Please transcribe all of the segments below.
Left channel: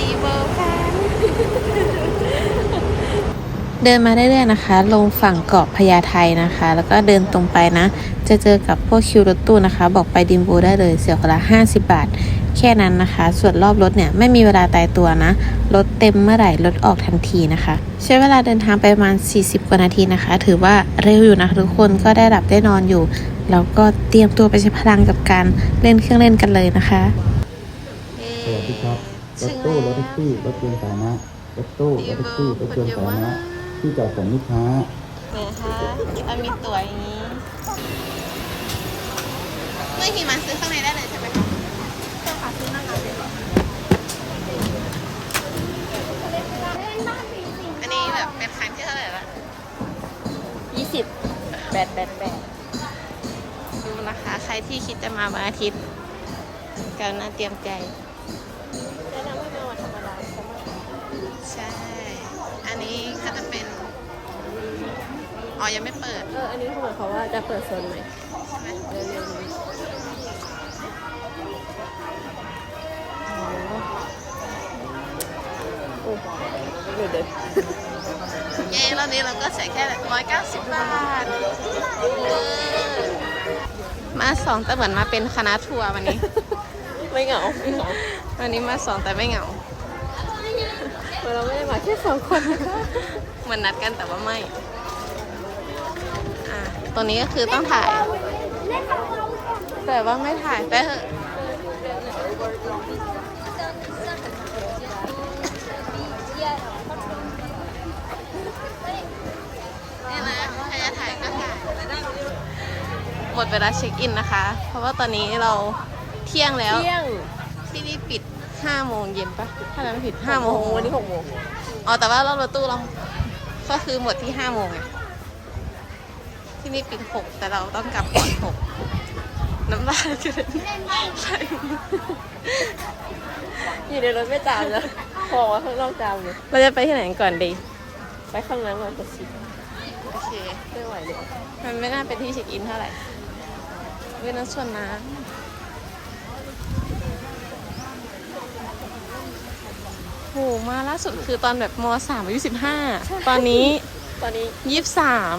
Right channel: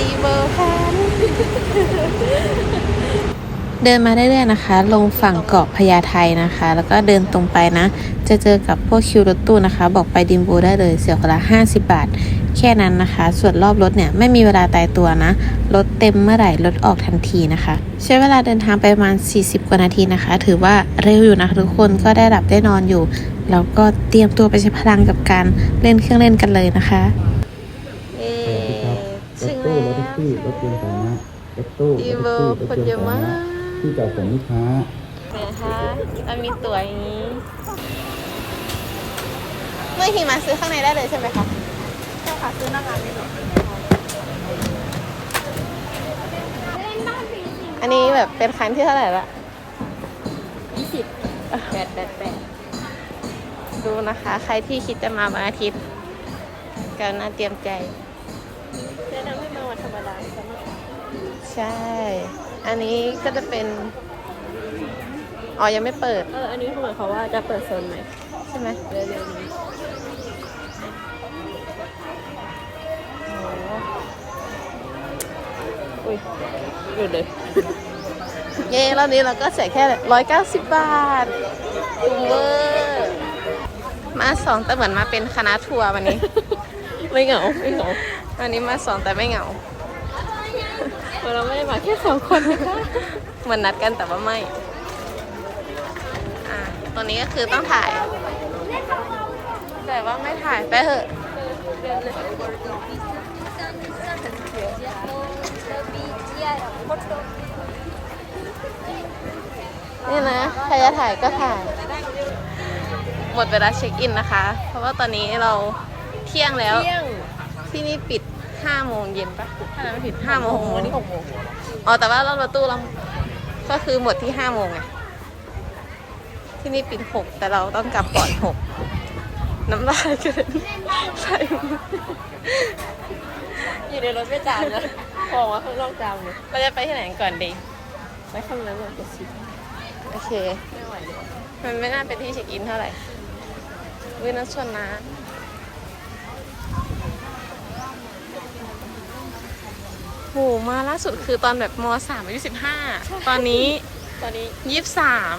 ดีเวิลด์กันเดินมาเรื่อยๆนะคะ ลงฝั่งเกาะพญาไทนะคะ แล้วก็เดินตรงไปนะ จะเจอกับพวกคิวรถตู้นะคะ บอกไปดิมโบได้เลยเสียคนละ 50 บาท แค่นั้นนะคะ ส่วนรอบรถเนี่ยไม่มีเวลาตายตัวนะ รถเต็มเมื่อไหร่รถออกทันทีนะคะ ใช้เวลาเดินทางไปประมาณ 40 กว่านาทีนะคะ ถือว่าเร็วอยู่นะคะทุกคนก็ได้หลับได้นอนอยู่ แล้วก็เตรียมตัวไปใช้พลังกับการเล่นเครื่องเล่นกันเลยนะคะ ซี่รถยนต์สาธารณะรถตู้รถแท็กซี่รถยนต์สาธารณะที่จอดส่งลูกค้านะคะมันมีตัวอย่างนี้ เมื่อหิมะซื้อข้างในได้เลยใช่ไหมคะใช่ค่ะซื้อหน้างานอันนี้แบบเป็นครั้งที่เท่าไหร่ละยี่สิบแปดแปดแปดดูนะคะ ใครที่คิดจะมาวันอาทิตย์ก็น่าเตรียมใจ ใช่ อันนี้ก็จะเป็น อ๋อ ยังไม่เปิด เออ อันนี้คือหมายความว่าจะเปิดโซนใหม่ใช่ไหมเร็วๆนี้โอ้อุ้ยอยู่เลยเย้รอบนี้เราก็เสียแค่ร้อยเก้าสิบบาทคุ้มเวอร์มาสองแต่เหมือนมาเป็นคณะทัวร์วันนี้ ไม่เหงาไม่เหงาวันนี้มาสองแต่ไม่เหงา เราไม่ได้มาแค่สองคนนะคะเหมือนนัดกันแต่ว่าไม่ อะตัวนี้ก็คือต้องถ่าย แต่ว่าไม่ถ่ายไปเถอะนี่นะใครจะถ่ายก็ถ่าย หมดเวลาเช็คอินนะคะ เพราะว่าตอนนี้เราเที่ยงแล้วเที่ยงที่นี่ปิด 5โมงเย็นปะถ้าจำไม่ผิด5โมง6โมงวันนี้หกโมงอ๋อแต่ว่าเรารถตู้เราก็คือหมดที่ห้าโมงไงที่นี่ปิดหกแต่เราต้องกลับก่อนหกน้ำลายเกินใช่อยู่ในรถไม่จามเลยบอกว่าข้างนอกจามเลยเราจะไปที่ไหนกันก่อนดีไปข้างนั้นเราจะชิดโอเคไม่ไหวเดี๋ยวมันไม่น่าเป็นที่เช็คอินเท่าไหร่เวยน้ำชนนะ โหมาล่าสุดคือตอนแบบมสามอายุสิบห้าตอนนี้ตอนนี้ยี่สิบสาม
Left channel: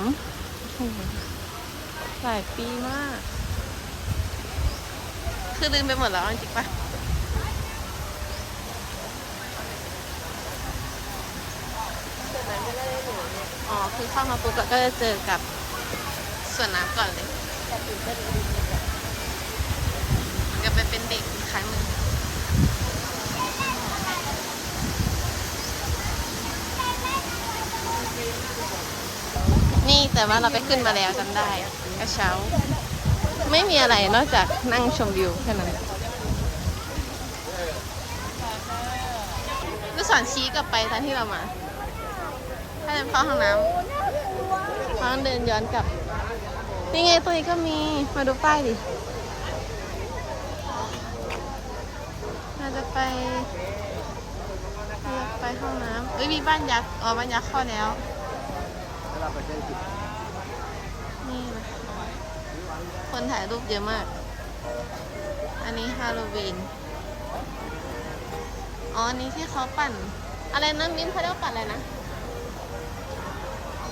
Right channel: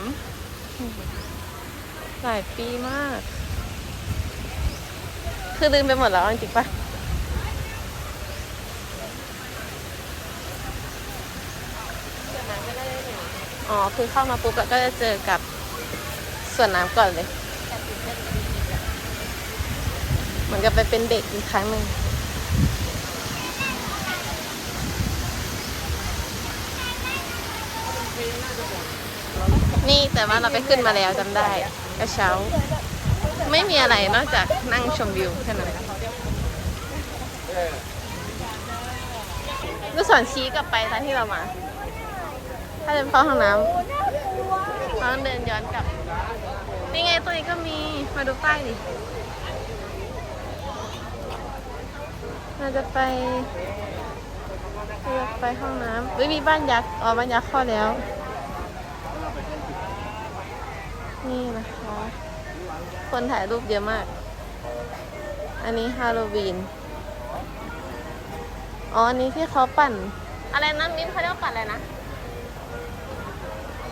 หลายปีมาก คือลืมไปหมดแล้วจริงปะอ๋อ คือเข้ามาปุ๊บแล้วก็จะเจอกับสวนน้ำก่อนเลย เหมือนกับไปเป็นเด็กอีกครั้งหนึ่ง นี่แต่ว่าเราไปขึ้นมาแล้วจำได้กระเช้า ไม่มีอะไรนอกจากนั่งชมวิวแค่นั้นลูกศรชี้กลับไปตอนที่เรามา ถ้าจะเข้าห้องน้ำห้องเดินย้อนกลับ นี่ไงตัวนี้ก็มี มาดูป้ายดิเราจะไป เราจะไปห้องน้ำเฮ้ยมีบ้านยักษ์อ๋อบ้านยักษ์ข้าแล้ว นี่นะคะ คนถ่ายรูปเยอะมาก อันนี้ฮาโลวีน อ๋อ อันนี้ที่เขาปั่น อะไรนะมิ้นเขาเรียกว่าปั่นอะไรนะ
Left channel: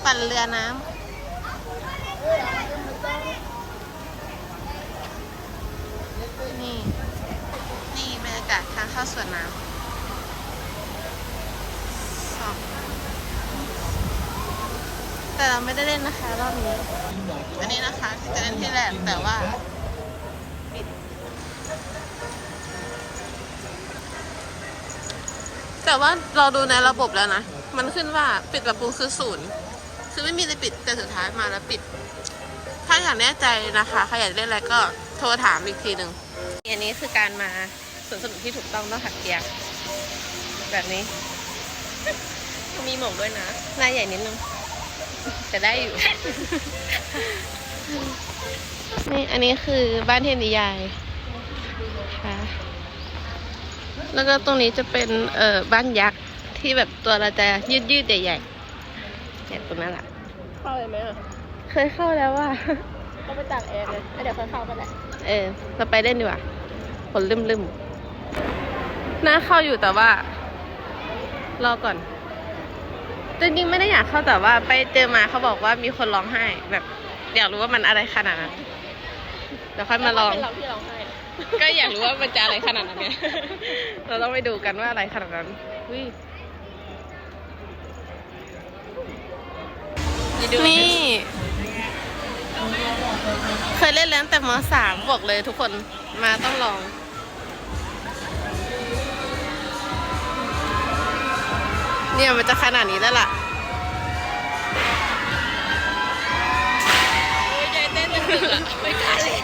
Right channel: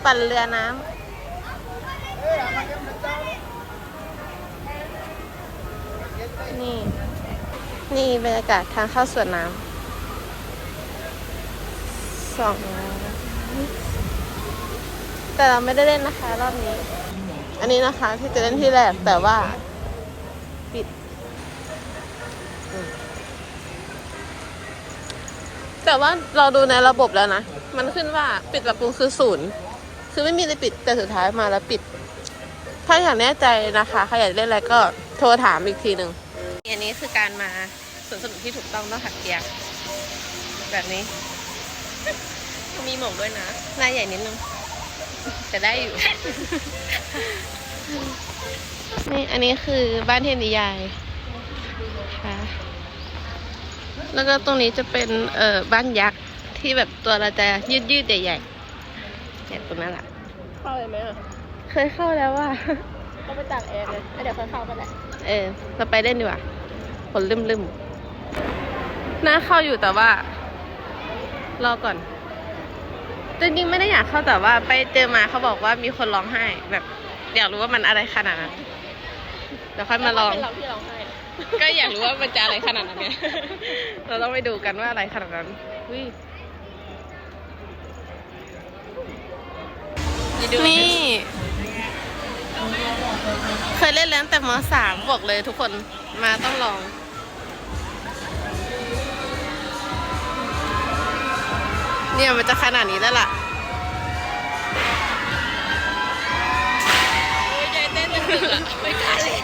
ปั่นเรือน้ำนี่ นี่บรรยากาศทางเข้าสวนน้ำ สอง แต่เราไม่ได้เล่นนะคะรอบนี้ อันนี้นะคะที่จะเล่นที่แรกแต่ว่า ปิดอืมแต่ว่าเราดูในระบบแล้วนะ มันขึ้นว่าปิดปรับปรุงคือศูนย์คือไม่มีอะไรปิดแต่สุดท้ายมาแล้วปิด ถ้าอยากแน่ใจนะคะใครอยากเล่นอะไรก็โทรถามอีกทีหนึ่งอันนี้คือการมาสวนสนุกที่ถูกต้องต้องหักเกียร์แบบนี้ มีหมวกด้วยนะ หน้าใหญ่นิดนึง แต่ได้อยู่ นี่อันนี้คือบ้านเทพนิยายค่ะ แล้วก็ตรงนี้จะเป็นเอ่อบ้านยักษ์ที่แบบตัวเราจะยืดยืดๆใหญ่ๆเนี่ยตรงนั้นแหละเข้าเลยไหมอะ เคยเข้าแล้วว่าต้องไปตากแอร์เลยเดี๋ยวค่อยเข้าไปแหละ เออ เราไปเล่นดีกว่าผลลืมลืมๆน่าเข้าอยู่แต่ว่า รอก่อน จริงๆไม่ได้อยากเข้าแต่ว่าไปเจอมาเขาบอกว่ามีคนร้องไห้แบบอยากรู้ว่ามันอะไรขนาดนั้นเดี๋ยวค่อยมาลอง เป็นเราที่ร้องไห้ก็อยากรู้ว่ามันจะอะไรขนาดนั้นไงเราต้องไปดูกันว่าอะไรขนาดนั้นอุ้ยนี่ เคยเล่นแล้วตั้งแต่มสามบอกเลยทุกคนมาต้องลอง เนี่ยมันจะขนาดนี้แล้วล่ะใจเต้นตึกอะไม่กล้าเลย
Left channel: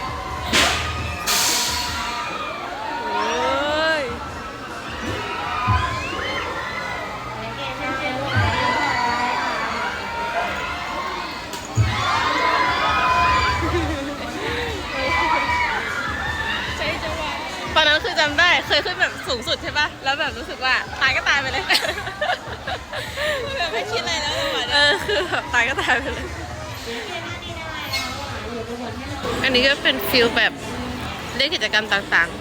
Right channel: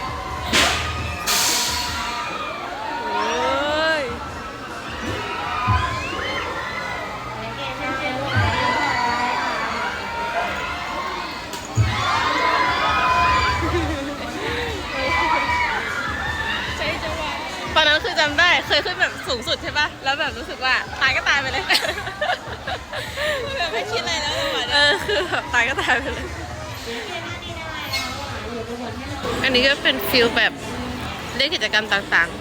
อนนั้นคือจำได้เคยขึ้นแบบสูงสุดใช่ปะแล้วแบบรู้สึกว่าตายก็ตายไปเลย แบบไม่คิดอะไรแล้วจังหวะเอเนี้ยอคือแบบตายก็ตายไปเลย อันนี้ก็เป็นฟิลแบบเล่นกิจกรรมต่างๆ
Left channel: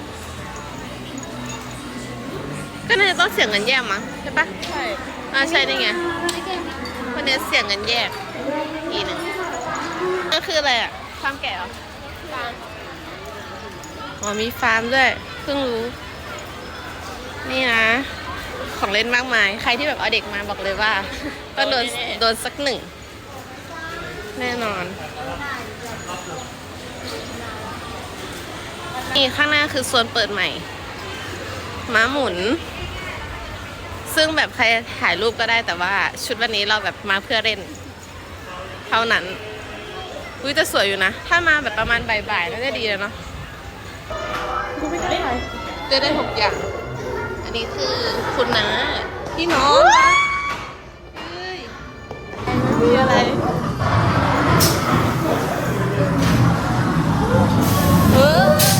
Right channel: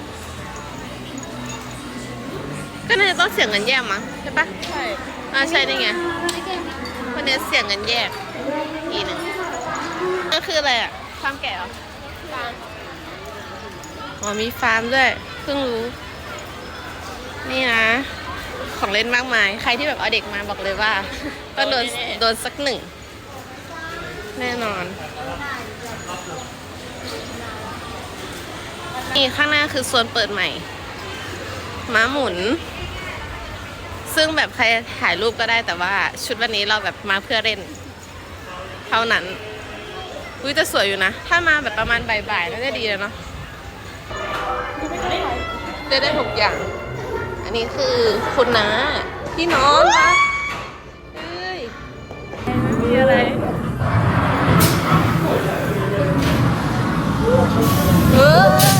ก็น่าจะต้องเสียเงินแยกมั้งใช่ปะใช่อ่าใช่นี่ไงวันนี้เสียเงินแยกอีกหนึ่งนั่นคืออะไรอะฟาร์มแกะเหรอฟาง อ๋อมีฟาร์มด้วย เพิ่งรู้ นี่นะ ของเล่นมากมาย ใครที่แบบเอาเด็กมาบอกเลยว่าก็โดนโดนสักหนึ่ง แน่นอน นี่ข้างหน้าคือโซนเปิดใหม่ ม้าหมุน ซึ่งแบบใครถ่ายรูปก็ได้แต่ว่าชุดวันนี้เราแบบมาเพื่อเล่น เท่านั้นอุ้ยจะสวยอยู่นะ ถ้ามาแบบประมาณบ่ายๆน่าจะดีเลยเนาะ จะได้หกอย่าง อันนี้คือคุณน้าที่นอนปะเฮ้ยมีอะไรเออ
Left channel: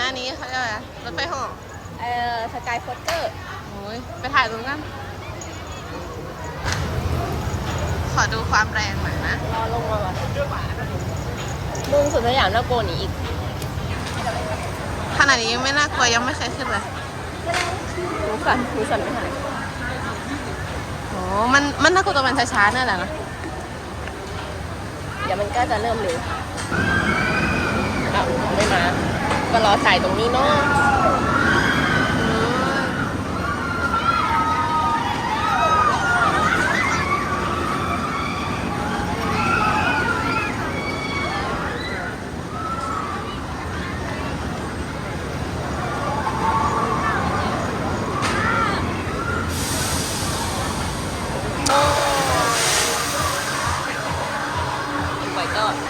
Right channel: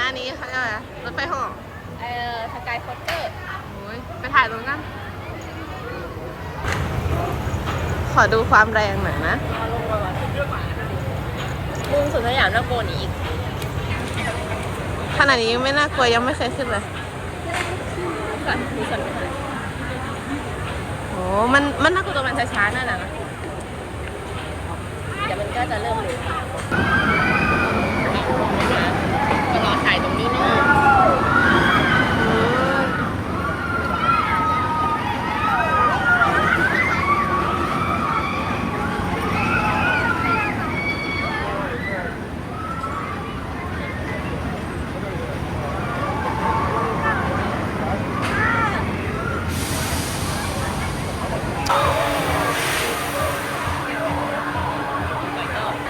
นะอันนี้เขาเรียกอะไรรถไฟเหอเออสกายคอปเตอร์โอ้ยไปถ่ายตรงกันขอดูความแรงหน่อยนะเอาลงมาลุงสุดสยามน่ากลัวหนีอีกขนาดนี้ยังไม่น่ากลัวยังไม่เคยขึ้นเลยดูสั่นดูสั่นโอ้มันมันน่ากลัวตัวมันช้าๆนั่นแหละนะเดี๋ยวมันก็จะเริ่มเร็ว ก็รอถ่ายตรงนี้เนาะโอ้ย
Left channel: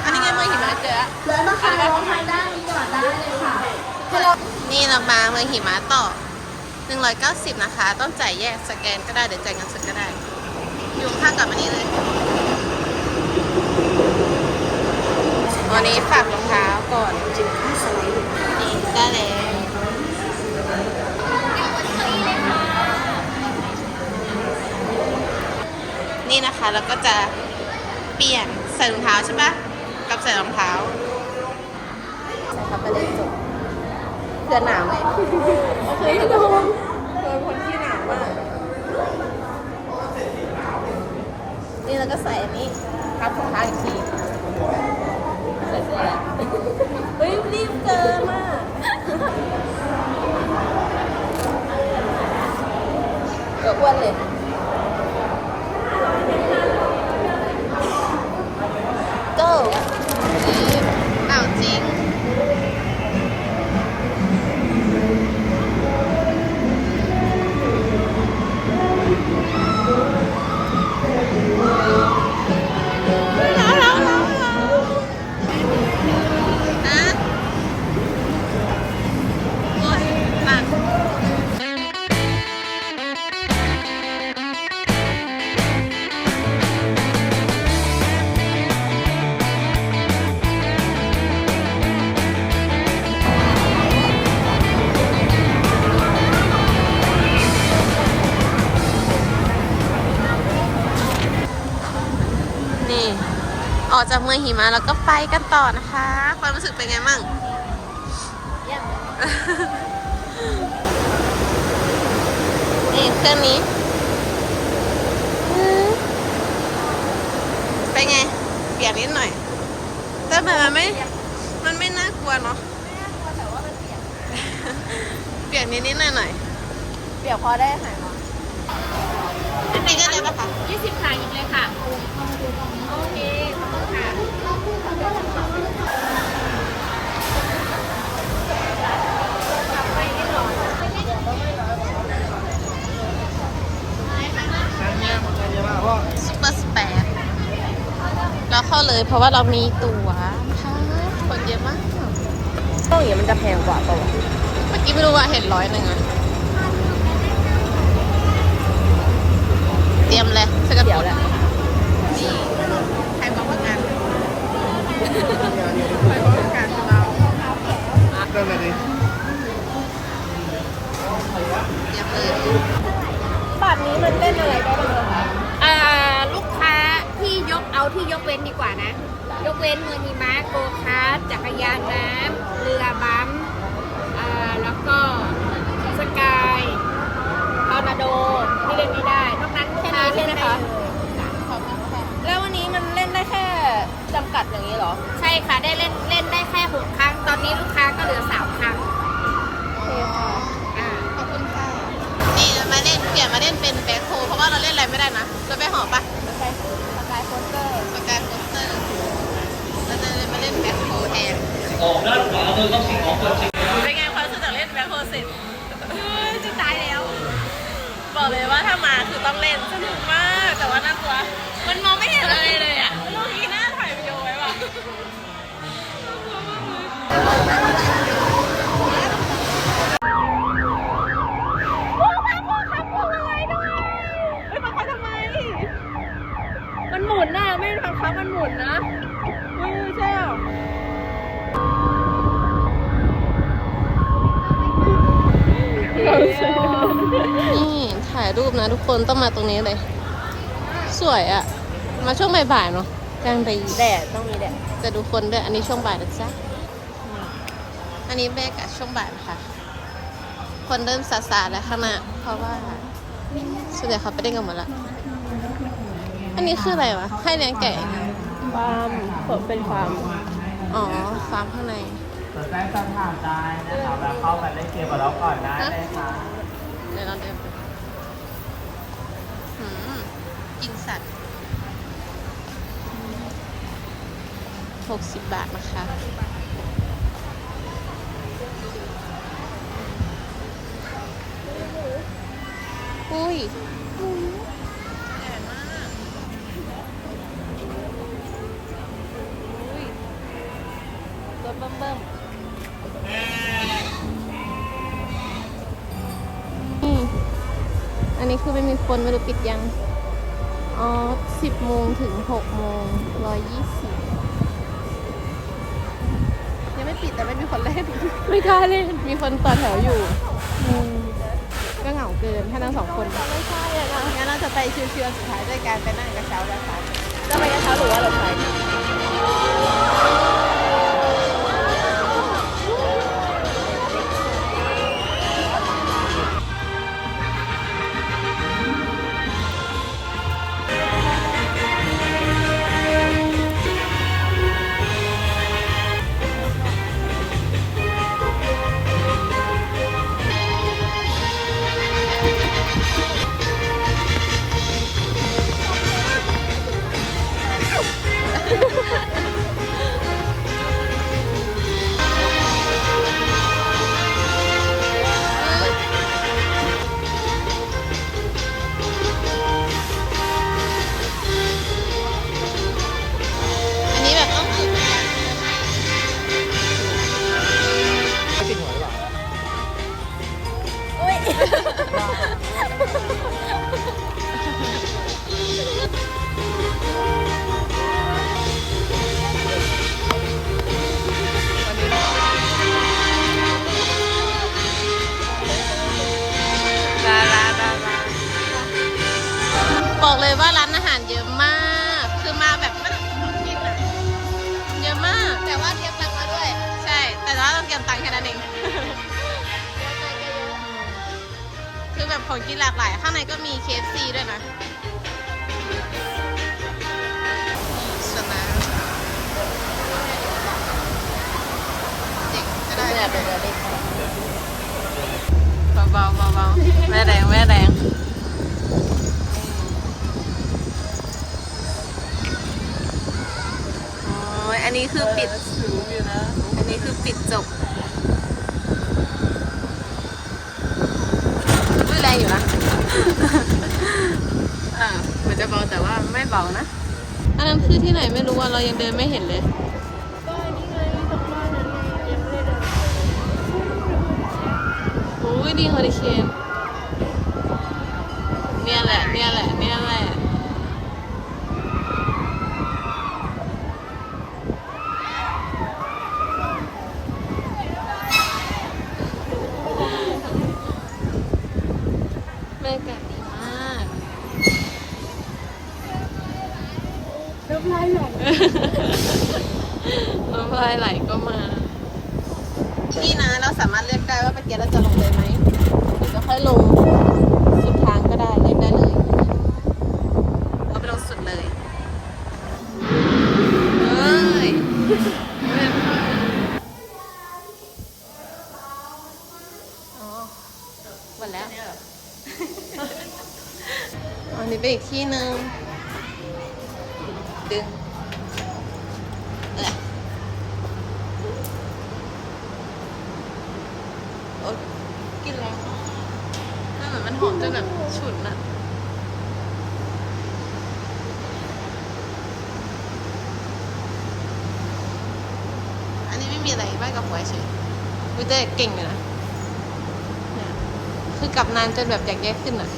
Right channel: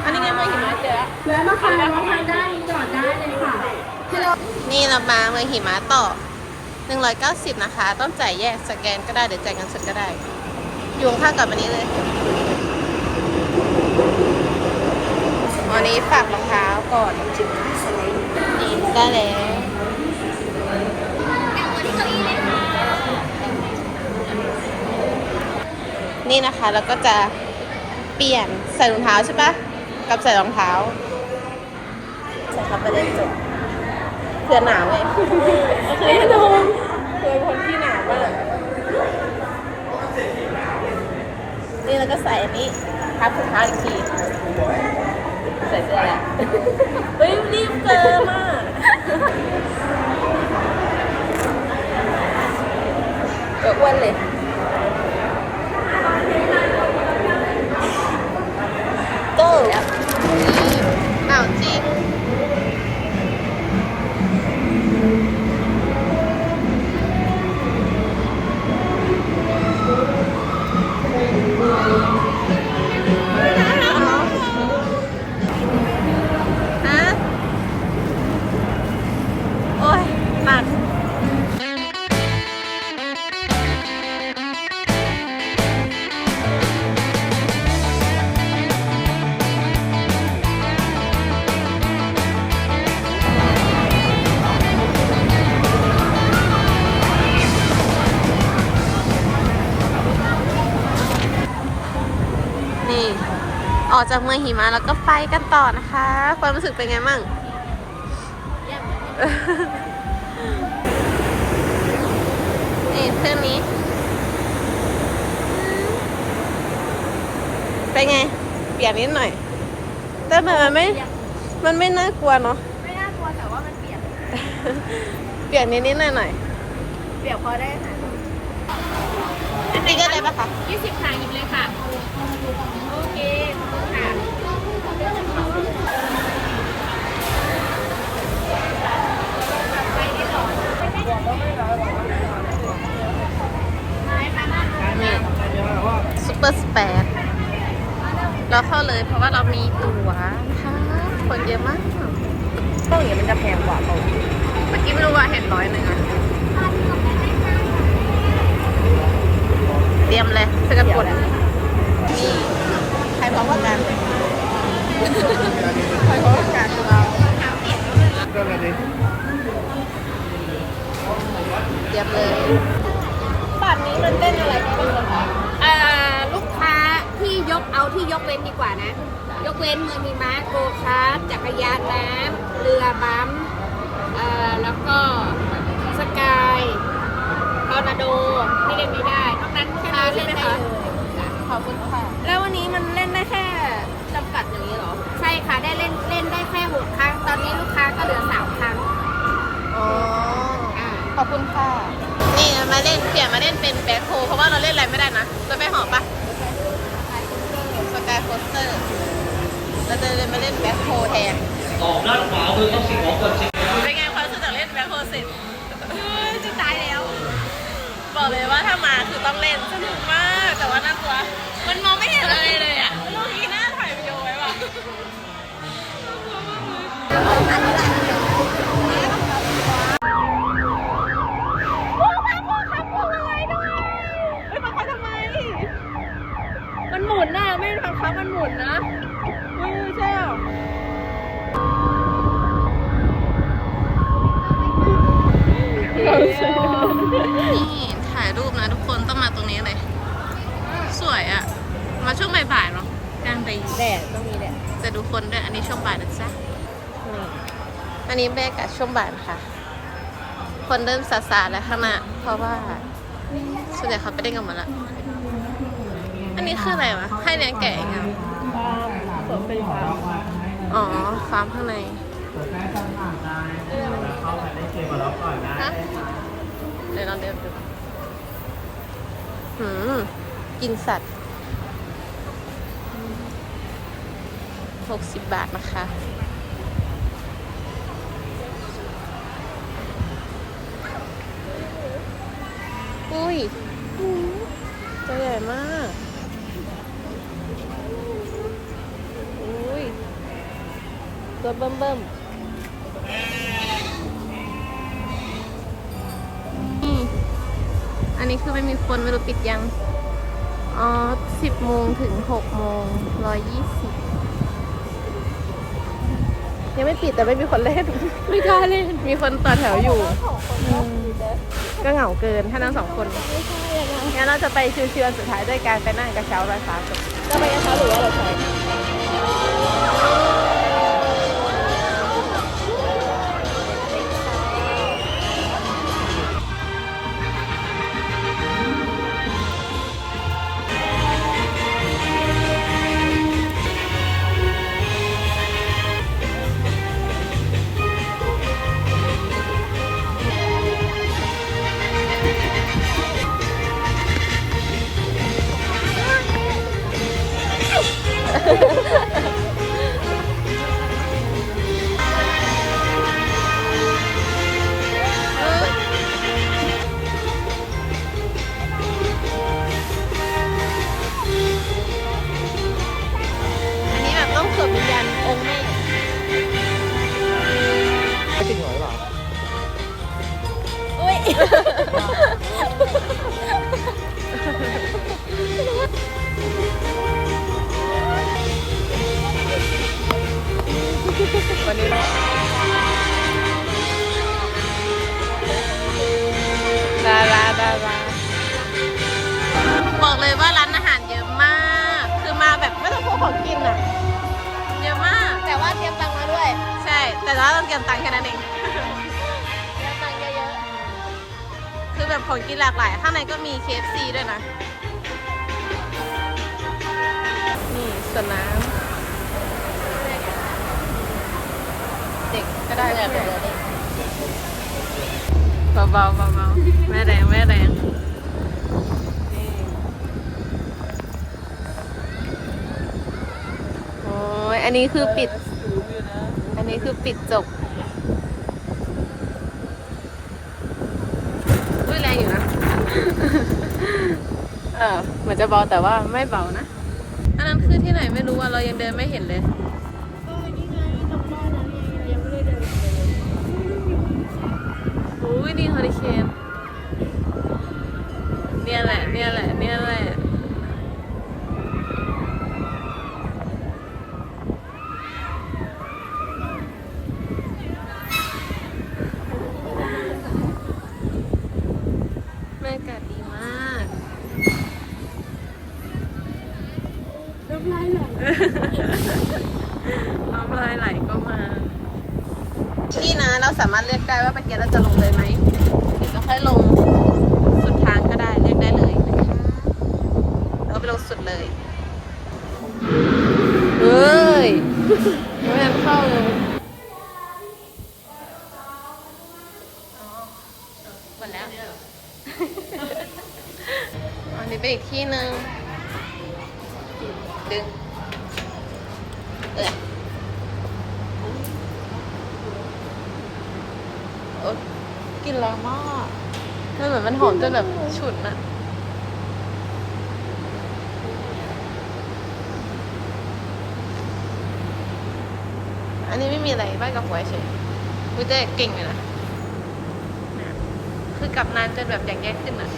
อันนี้ไงเมืองหิมะเจอแล้วแล้วนะคะแล้วทางด้านนี้ก่ อนได้เลยค่ะ นี่เรามาเมืองหิมะต่อ 190 นะคะ ต้องจ่ายแยกสแกนก็ได้หรือจ่ายเงินสดก็ได้ อยู่ข้างกับอันนี้เลยวันนี้ฝากรองเท้าก่อนนี่ได้แล้วนี่นะคะแล้วก็จะเปลี่ยนใส่รองเท้าใช่ปะกับใส่รองเท้า เขาไปเลยจบเสื้อหนาวไงแน่นอนเป็นคนที่หนาวมาก นี่แล้วก็ใส่อันนี้ทับถุงเท้าอีกทีใส่เสื้อแหละเฮ้ยรีบเกินมากเอออ้วนเลย go จากเมืองหิมะแล้วก็ไปกันต่อนะคะ ความรู้สึกเป็นไงมั่งนี่เครื่องนี้อืมเป็นไง เปลี่ยนนิดหน่อย แต่แบบมันไม่ มันไม่น่ากลัวเนาะ ไม่น่ากลัวแต่ว่ามันเปียกเปลี่ยนนิดนิดหน่อยหน่อยเปียกพอได้ค่ะๆนี่ก็ได้ปะคะ20ค่ะหยิบเลยค่ะ โอเค ขอบคุณค่ะ ซูเปอร์สเปซ เราเข้าเลย เพราะว่าเรามีตั๋วนะคะคนเยอะมากเฮ้ยมันจะแพงกว่าเมื่อกี้ไม่รู้ว่าเห็นร้อยหนึ่งอะเตรียมเลยเพื่อกันกดนี่ใครพร้อมกันใครพร้อมกันคือเราเตรียมเลย เอาที่ยกเว้นดีกว่านะ ยกเว้นเมืองมีม้าโกคาร์ทจักรยานน้ำเรือบัมป์อ่าแล้วก็สกายทอร์นาโดที่เล่นไม่ได้นอกนั้นลูกค้าเล่นได้เลยขอบคุณค่ะแล้ววันนี้มันเล่นได้แค่จำกัดอย่างนี้เหรอ ใช่ค่ะได้เล่นเล่นได้แค่หกครั้ง ตอนนี้ลูกค้าก็เหลือสามครั้งอ๋ออ่าขอบคุณค่ะนี่มาเล่นเปลี่ยนมาเล่นเป็นแบ็คโฮเพราะว่าเราเล่นอะไรไม่ได้นะเราไปหอปะสกายโคสเตอร์ส กายโคสเตอร์เราจะเล่นมาเล่นแบ็คโฮแทนออกด้านขวามือต้องสิ่งของคนจริงเป็นไงความรู้สึกจากเล่นแบ็คโฮเสร็จจะตายแล้ว บอกเลยว่าถ้ามาคือต้องเล่นสนุกมากแต่ว่าน่ากลัว มันมองไม่เห็นอะไรเลยอะลูกนี้น่าถ่ายวิดีโอไว้ป่ะมันหมุนน่ะ ไม่ได้บังคับมั นหมุนนะอุ้ยใช่หรอนี่ถ่ายรูปนะทุกคนต้องมาตรงนี้เลย สวยอะมาช่วงบ่ายๆเนาะกลางดีแดดต้องมีแดดจะดูคนด้วยอันนี้ช่วงบ่ายนะจ๊ะอืมอันนี้แม่กับช่วงบ่ายนะคะคนเริ่มซาซาๆแล้วข้างหน้าเพราะว่าส่วนใหญ่เขาไปเล่นกันหมดละอันนี้คืออะไรวะให้เลี้ยงแกะยังไงผม เป็นฟาร์มอ๋อฟาร์มข้างในสนใจสอบถามได้นะครับแล้วเข้าไปเล่นเกมกับเราก่อนได้ฮะเดี๋ยวลองเดินดูหืมกินสัตว์หกสิบบาทนะคะอุ้ยตัวใหญ่มาก อุ้ย ตัว เบิ่มเบิ่มนี่อันนี้คือไม่มีคนไม่รู้ปิดยัง อ๋อสิบโมงถึงหกโมงร้อยยี่สิบยังไม่ปิดแต่ไม่มีคนเล่น ไม่กล้าเล่น มีคนต่อแถวอยู่อืมก็เหงาเกินถ้านั่งสองคนไม่ใช่งั้นเราจะไปชิวๆสุดท้ายด้วยการไปนั่งกระเช้าราคาก็ไปกระเช้าหรือว่าเราไป แต่ว่าเราเตรียมตังค์แค่นั้นเอง คือแบบของกินหลากหลาย ข้างในก็มี KFC ด้วยนะ นี่สวนน้ำเด็กก็ได้เลยเบาๆเบาๆไม่แรงไม่แรงโอ้ยอันนี้คือปิดอั นี้คือปิดจบอุ้ยแรงอยู่นะ เออเหมือนจะเบาแต่ว่าไม่เบานะ อันนั้นคือที่ไหนไม่รู้อะเรายังเดินไม่เห็นเลย ก็นี่ไงตรงบ้านนั้นไงยังไม่ได้เดินไปเลย โอ้ยดีฮอริเคนเนี่ยแหละ เนี่ยแหละ เนี่ยแหละ บรรยากาศดีมากน้ำลายไหล น้ำลายไหลก็มา นี่นะ เราสามารถเลือกได้ว่าเมื่อกี้เราจะลงเลยไหมหรือจะค่อยลงสุดทางก็ได้เลือกได้เลยเราไปลงสุดเลย เฮ้ยไม่ทันเข้าเลยอ๋อหมดแล้ว อันนี้เป็นอีกที่หนึ่งดึงเออโอ๊ยกลินแรงมากมันเหมือนมันหอมจนแบบฉุนอะอันนี้ไม่มีอะไรบ้านกับหัวเฉยวิเต้เก่งเลยนะคือกลับนานจนแบบอยากแยกขึ้นอะ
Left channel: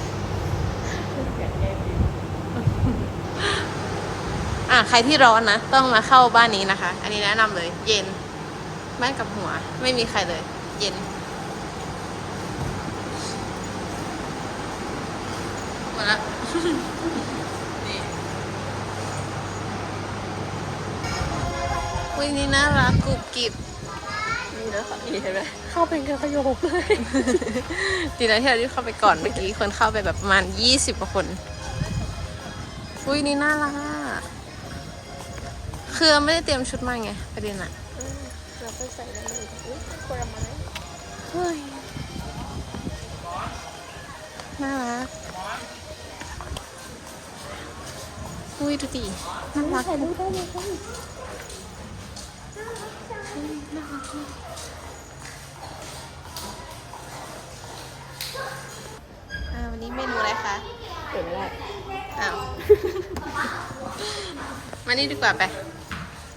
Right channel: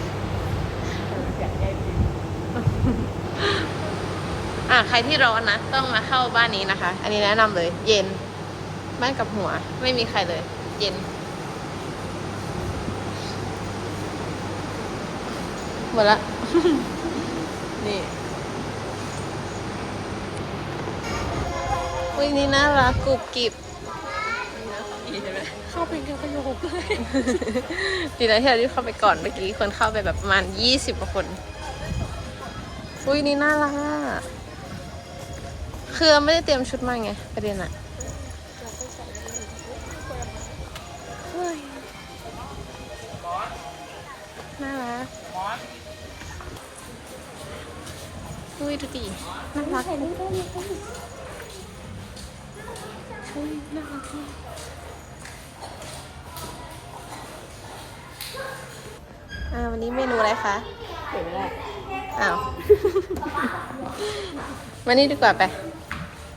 อะใครที่ร้อนนะ ต้องมาเข้าบ้านนี้นะคะ อันนี้แนะนำเลย เย็นบ้านกับหัว ไม่มีใครเลย เย็น หมดละ นี่วินี่น่ารักกรุบกริบนี่นะคะนี่ใช่ไหมเข้าเป็นกันประโยคเลยดีนะที่เรารีบเข้าไปก่อนเมื่อกี้คนเข้าไปแบบประมาณยี่สิบกว่าคน อุ้ยนี่น่ารักอะ คือไม่ได้เตรียมชุดมาไงประเด็นอะเฮ้ยน่ารักอุ้ยดูดิน่ารักปุ๊บเฮ้ยน่ารักมากอ่าวันนี้เมนูอะไรคะเปิดไม่ได้ อ้าว มานี่ดีกว่าไป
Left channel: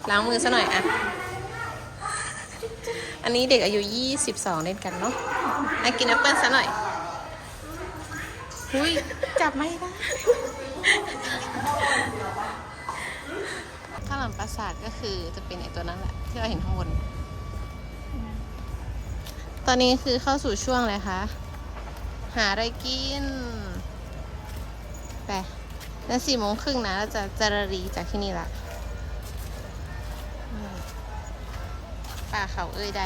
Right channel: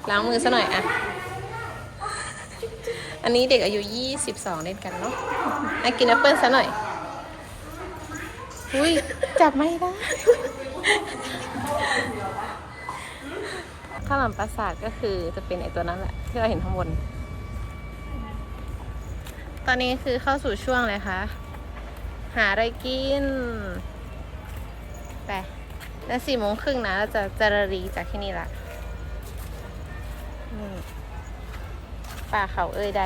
ล้างมือซะหน่อยอะอันนี้เด็กอายุยี่สิบสองเล่นกันเนาะอะกินแอปเปิ้ลซะหน่อยหุยจับไม่ได้ข้าวหลามปราสาทก็คือจะเป็นไอตัวนั้นแหละ ที่เราเห็นข้างบน ตอนนี้คือเข้าสู่ช่วงเลยคะหาอะไรกินไปแล้วสี่โมงครึ่งนะเราจะจารรีจากที่นี่ละ นี่ป่าเขาเอ่ยใด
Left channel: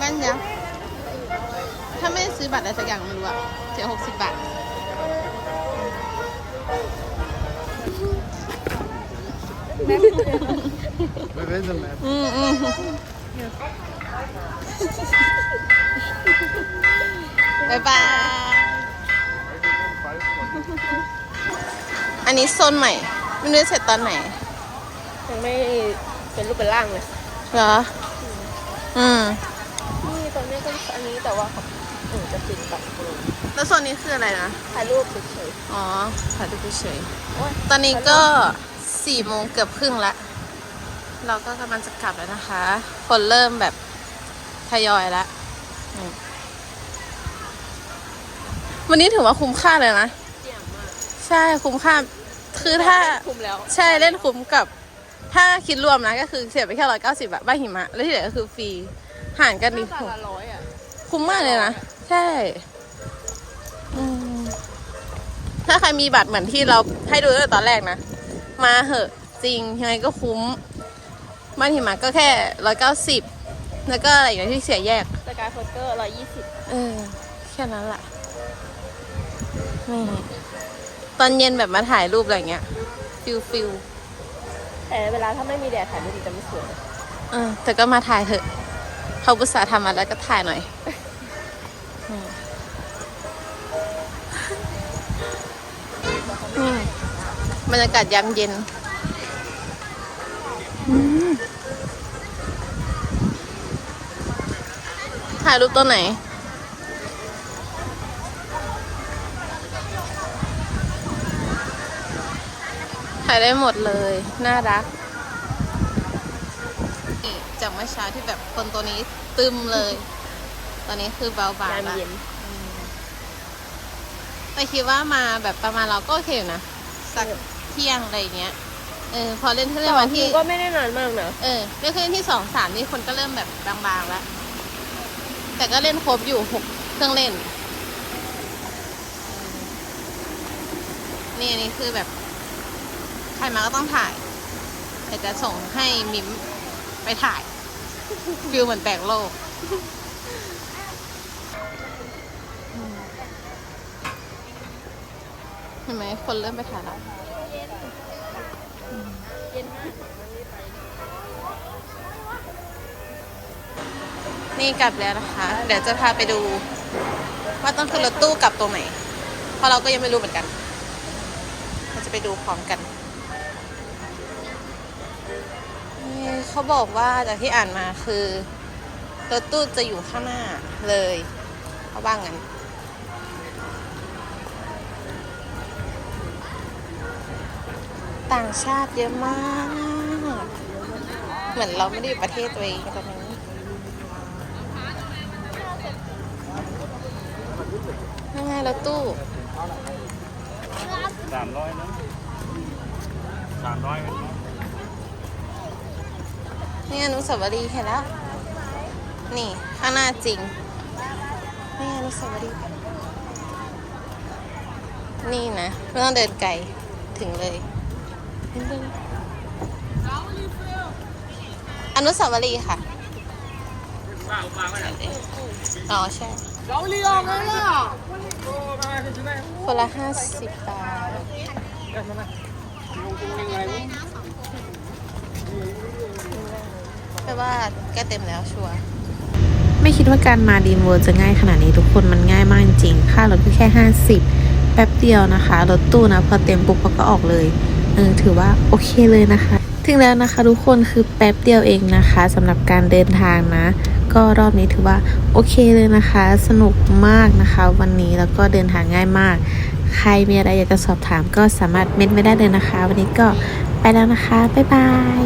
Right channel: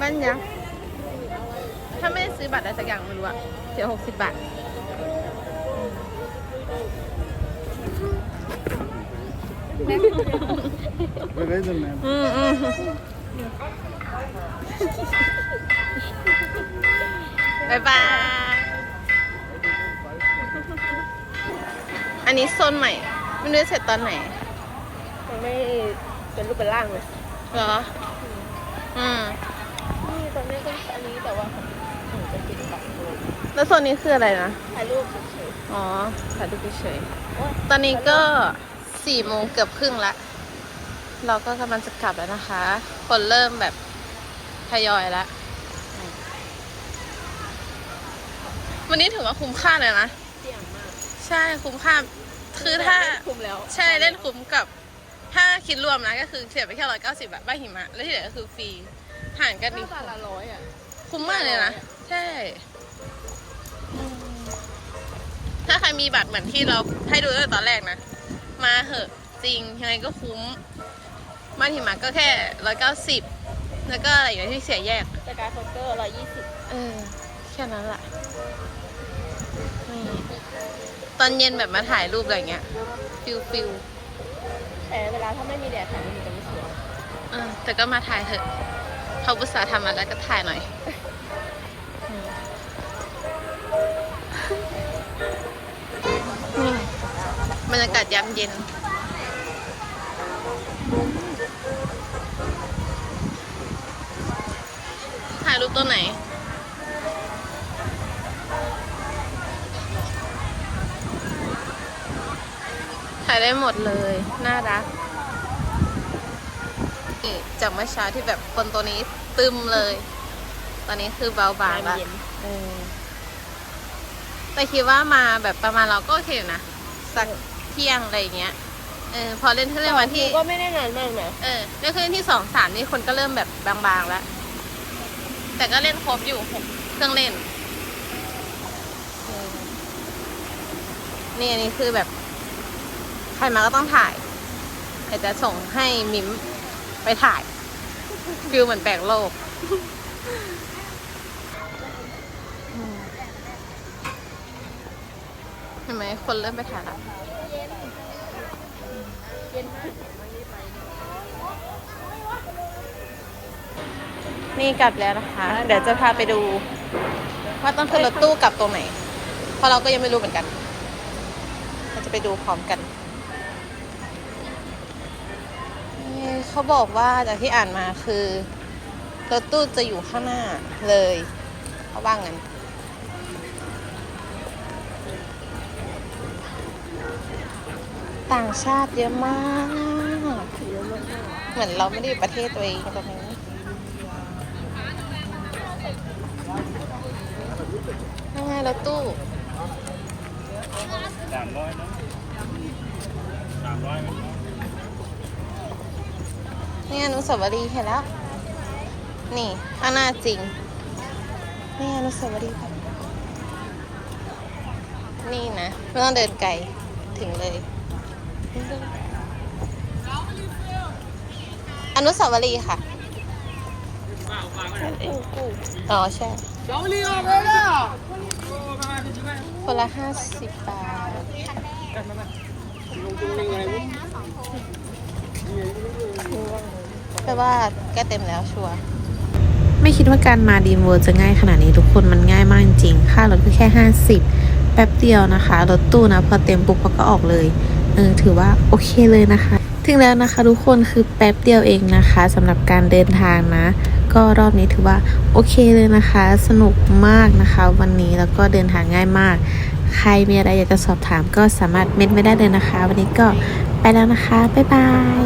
บ้านยักษ์ถ้าไม่ซื้อบัตรอะไรสักอย่างไม่รู้อะเสียหกสิบบาทอืมอืมบายบาย อันนี้โซนใหม่ไม่รู้จะเสร็จตอนไหนยังไม่เป็นรูปเป็นร่างเลยเหรอ อืมนี่ตรงนี้ก็อันนี้แต่ว่าหนูจะปิดแบบแล้วโซนนี้คืออะไรนะถ่ายรูปเฉยอ๋อถ่ายรูปเฉยๆตอนนี้ก็สี่โมงเกือบครึ่งละเราก็กำลังจะกลับแล้วนะคะ คนเริ่มแบบทยอยละอืมวันนี้ถือว่าคุ้มค่าเลยนะๆเสี่ยงมาก ใช่คุ้มค่าคือถ้าคุมแล้ว ใช่เล่นคุ้มกับ ถ้าคิดรวมนะก็คือเสียไปแค่ร้อยเก้าสิบอะบ้านหิมะ แล้วที่เหลือก็คือฟรีห่างกันดีแต่ละร้อยอะคุ้มมากเลยนะใช่อืมถ้าใครมีบัตรเหมือนที่เราให้ดูตั้งแต่ตอนแรกนะ มาเหอะจริงยังไงก็คุ้มบ้านหิมะก็แค่ร้อยเก้าสิบแล้วก็อะไรอย่างเงี้ยที่เสียแยกสกายโคเตอร์ร้อยยี่สิบเออแค่นั้นแหละนี่ ตอนเย็นแบบมาถ่ายรูปอะไรเงี้ย ฟิลฟิลแต่เวลาถ้าไม่มีแดดถ่ายไม่ดีจะไม่สวยเออแต่ก็มาถ่ายเถอะเขาบุษาห์ทำมาแล้วก็ถ่ายหน่อยอืมอืมบรรยากาศยามเย็นอืมถ่ายรูปตัวไหน ถ่ายได้หมดเลย น่ารักนี่จากเมื่อเช้าที่แบบคนตัวนี้ตึมเลย ตอนนี้คือเบาบางละเย็นเออแต่คิดว่ามาแบบประมาณเราก็โอเคอยู่นะ สักเที่ยงอะไรอย่างเงี้ย เออ พอเล่นที่เล่นวันที่ ก็ไม่ได้นานมากนะ เออ เล่นเครื่องที่สองสามนี่คนก็เริ่มแบบบางๆแล้ว แต่ก็เล่นครบอยู่หกเครื่องเล่นเออนี่อันนี้คือแบบ ใครมาก็ต้องถ่ายแต่จะส่งให้มิมไปถ่ายฟิลเหมือนแตกโลกเห็นไหมคนเริ่มไปถ่ายละเย็นมากนี่กลับแล้วนะคะ เดี๋ยวจะพาไปดู ว่าต้องขึ้นรถตู้กลับตรงไหน เพราะเราก็ยังไม่รู้เหมือนกัน เราจะไปดูพร้อมกันนี่ เขาบอกว่าจากที่อ่านมาคือรถตู้จะอยู่ข้างหน้าเลยเขาว่างั้นต่างชาติเยอะมาก เหมือนเราไม่ได้อยู่ประเทศตัวเองตรงนี้ยังไงรถตู้ สามร้อยนะสามร้อย นี่อนุสาวรีย์เห็นแล้ว นี่ข้างหน้าจริง นี่อนุสาวรีย์ปนี่นะไม่ต้องเดินไกล ถึงเลย อนุสาวรีย์ค่ะอ๋อใช่คนละห้าสิบบาท แปลว่าแกเต็มแล้วชัวร์ไม่คิดว่าการมาดีมเวิร์จะง่ายขนาดนี้ทุกคนมันง่ายมากจริงๆค่ารถก็แค่ 50 แป๊บเดียวนะคะ รถตู้นะพอเต็มปุ๊บเขาก็ออกเลยเออถือว่าโอเคเลยนะคะถึงแล้วนะคะทุกคนคือแป๊บเดียวเองนะคะสำหรับการเดินทางนะ ก็รอบนี้ถือว่าโอเคเลยนะคะ สนุกมากนะคะ วันนี้แล้วก็เดินทางง่ายมาก ใครมีอะไรอยากจะสอบถามก็สามารถเม้นไว้ได้เลยนะคะ วันนี้ก็ไปแล้วนะคะ บ๊ายบาย